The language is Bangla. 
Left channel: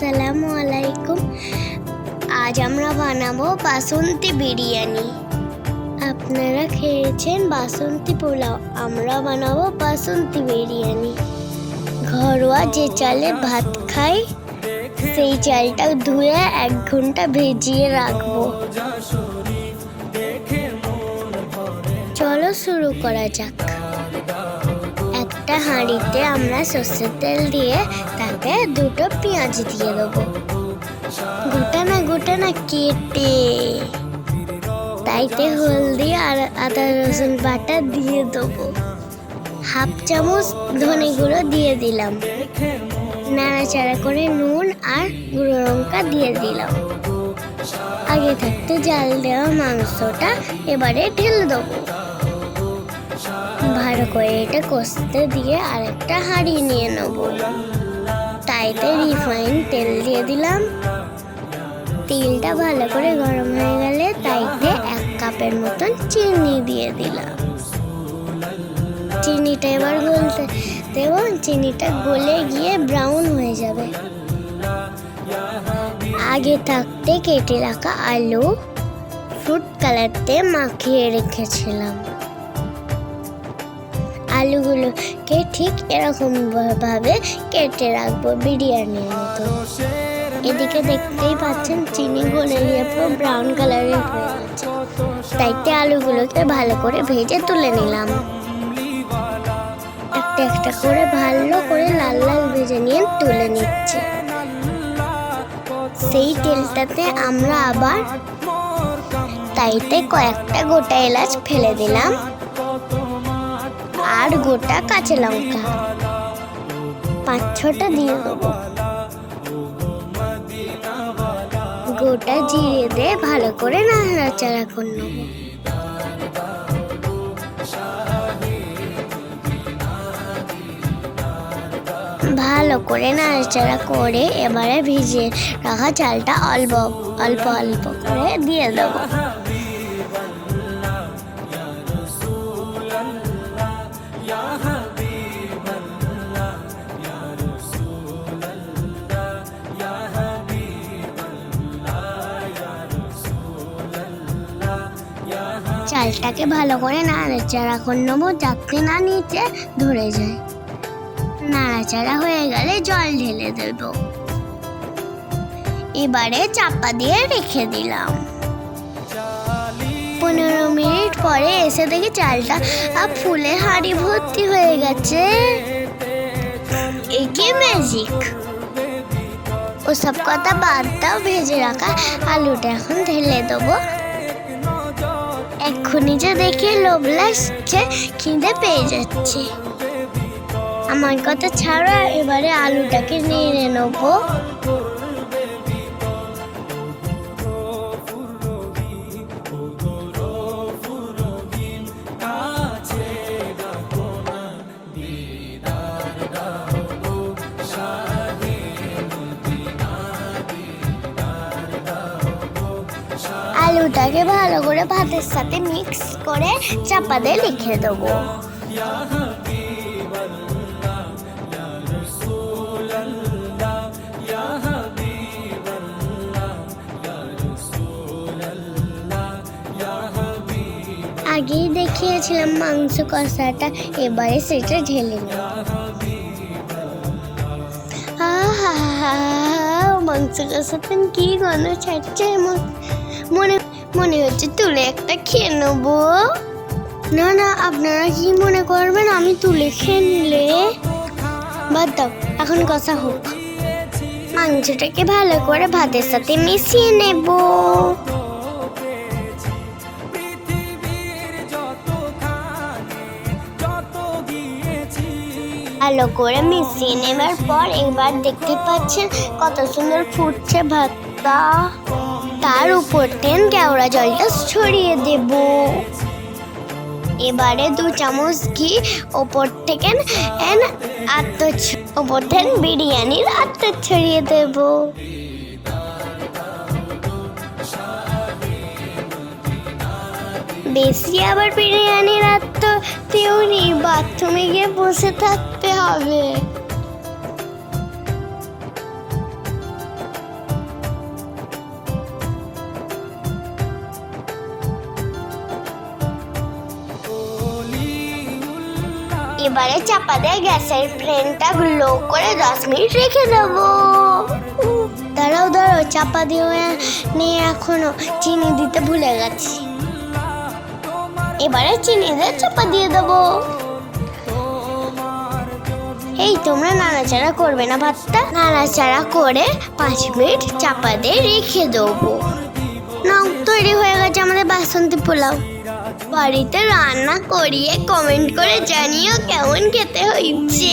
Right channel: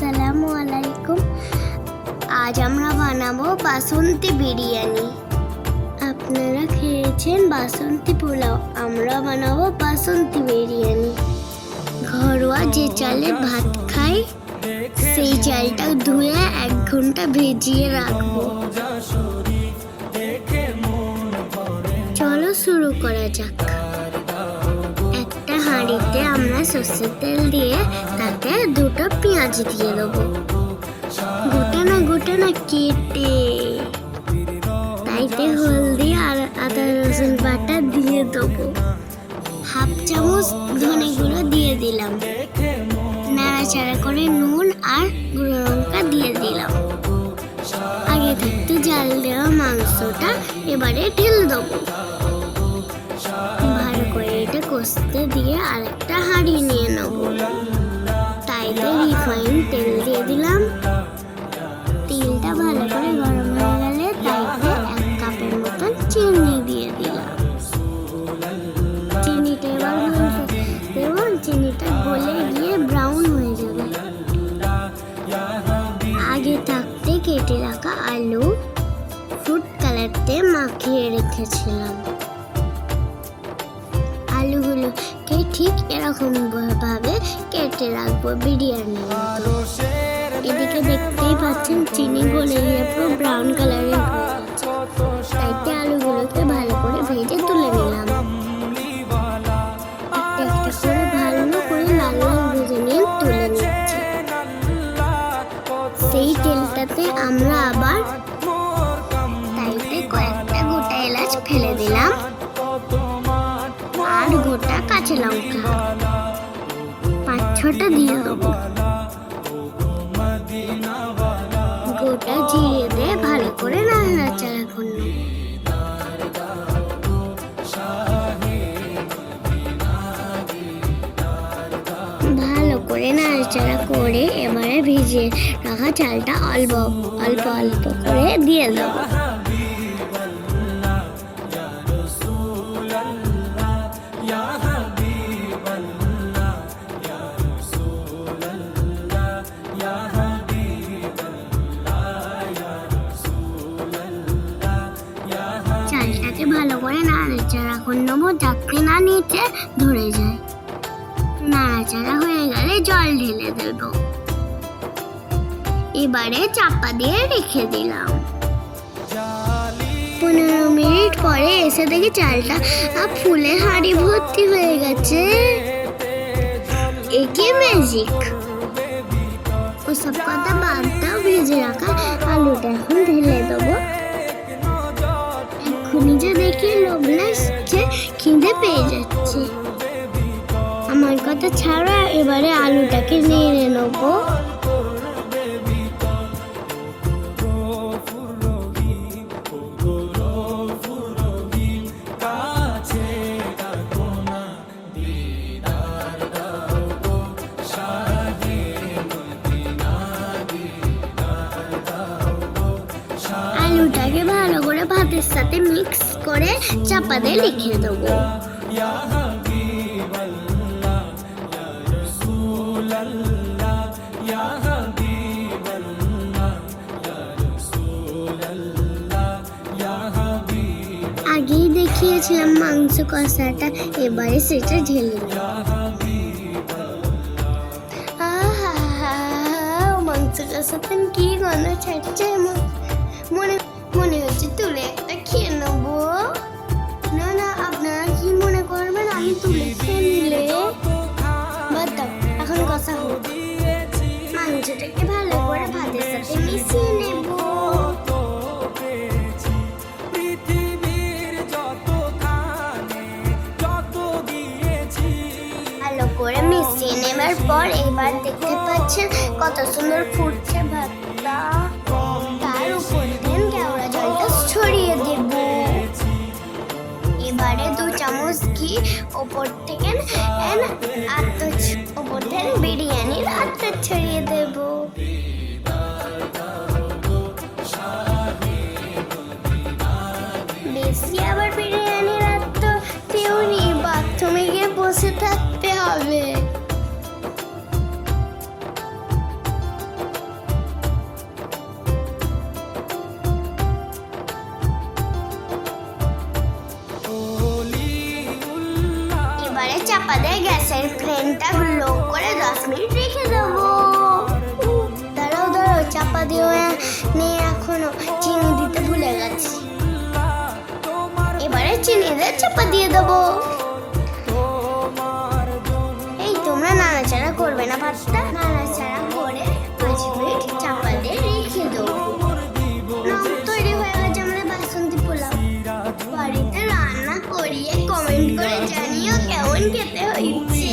আসসালামু আলাইকুম। আজ আমরা বানাবো বাসন্তী বিরিয়ানি। আপনারা খেয়েছেন বাসন্তী পোলাও, আমরা বানাবো বাসন্তী বিরিয়ানি। ঘরোয়া যে চালে ভাত খাই সেই চালটা ধুয়ে 1 ঘন্টা ভিজিয়ে রাখবো। চলো শুরু করা যাক। একটা হাঁড়িতে আমরা সর্ষের তেল দিয়ে তাতে 2টো পেঁয়াজ দিয়ে দেবো, গোটা না কেটে। তাইতে হলদি আর আদা রসুন বাটা দিয়ে দেবো। 1/2 চামচ ধনে গুঁড়ো দিয়ে দিলাম। নাড়াচাড়া করে নুন আর গুঁড়ো লঙ্কা দিয়ে দিলাম। আগে থাকতে জাল দেওয়া মাংসটা এবারে ঢেলে দেবো। ভালো করে এটা কষতে দিয়ে আরেকটা হাঁড়ি নিয়ে নেব। তাইতে রিফাইন তেল দিয়ে দিলাম। তেলটা ভালো করে গরম হয়ে গেলে তাইতে 1 কাপের মতন চিনি দিয়ে দিলাম। চিনিটা এবার গলতে দেব। চিনিটা গলে গিয়ে ব্রাউন হয়ে যাবে। আগে থাকতে কেটে রাখা আলু ফুড কালারতে মাখিয়ে রেখেছিলাম। আলুগুলোকে ঠিক এরকম ভাবে কেটে রাখবো বিরিয়ানির মতো। এদিকে দেখতেই পাচ্ছেন চিনি গলে গিয়ে পুরো ব্রাউন কালারের হয়ে গেছে। তাইতে আলুগুলোকে ভালো করে ভেজে তুলে নিলাম। একটা একটা করে ভালো করে লাল লাল ভেজে নিয়ে তুলে নিচ্ছি। সেই তেলটাতে আমরা আবার তাইতে কয়েকটা গোটা এলাচ ফেলে দিলাম আর গোটা কাঁচা লঙ্কা 5-6টা দিয়ে দেবো। গোটা জিরে দিয়ে ভালো করে নাড়াচাড়া করে নেব। ভালো করে নাড়াচাড়া করে এবারে ভিজিয়ে রাখা চালটা অল্প অল্প করে দিয়ে দেবো। চালটাকে ভালো করে নাড়াচাড়া করে নেবো যাতে না নিচে ধরে যায়। নাড়াচাড়া হয়ে গেলে জল ঢেলে দেব। এবারে চাপা দিয়ে রেখে দিলাম। 15 মিনিট পরে এসে দেখি চালটা ফুলে হাঁড়ি ভর্তি হয়ে গেছে। একে ম্যাজিক। ওসব কথা বাদ দাও, ভেজে রাখা আলুটা এখন ঢেলে দেবো। এক্ষুনি যে দেখে লোভ লাগছে, খিদে পেয়ে যাচ্ছে। আমার কথা ছাড়া এবারে আলুটাকে নেড়ে নেবো। আলুটাকে ভালো করে ভাতের সাথে মিক্স করে চাপা দিয়ে লিখে দেবো। আগেই দেখিয়েছিলাম মাংস কষাটা, এবারে সেটা ঢেলে নেব। মাংস কষাতে কি গন্ধ ছাড়ছে, মনে হচ্ছে তুলে একটা খেয়ে নেবো। না আপনারা কি মনে করবেন আমি তুলে খেয়ে নিলে? বাদ দাও, এখন কষা হোক। মাংসটাকে ভালো করে ভাতের সাথে মিশিয়ে নেব। ভালো করে মিশিয়ে নেবার পর এবার দেখতে পাচ্ছেন কত সুন্দর ফুটছে ভাতটা। তার উপর কেওড়া জলটা ছড়িয়ে দেব। এবারে 2 চামচ ঘি ওপর থেকে বিরিয়ানির আত্মা ছড়িয়ে দেব। বেশি আবার বিরিয়ানির আত্মা তেমনি বাথরুমে গিয়ে বসে থাকতে হবে। এবারে চাপা দিয়ে গ্যাসের ফ্লেমটা লো করে 10 মিনিট রেখে দেবো। দাঁড়াও দাঁড়াও, চাপা দিয়ে নিয়ে এখনো চিনি দিতে ভুলে গেছি। এবারে চিনি দিয়ে চাপা দিয়ে দেবো। এই তোমরা নাড়াচাড়া করবে না ভাতটা? নাড়াচাড়া করে 5 মিনিট চাপা দিয়ে রেখে দেবো। নাও, তৈরি হয়ে গেছে আমাদের বাসন্তী পোলাও। বাড়িতে রান্না করিয়ে কমেন্ট করে জানিও কেমন খেতে হয়েছে।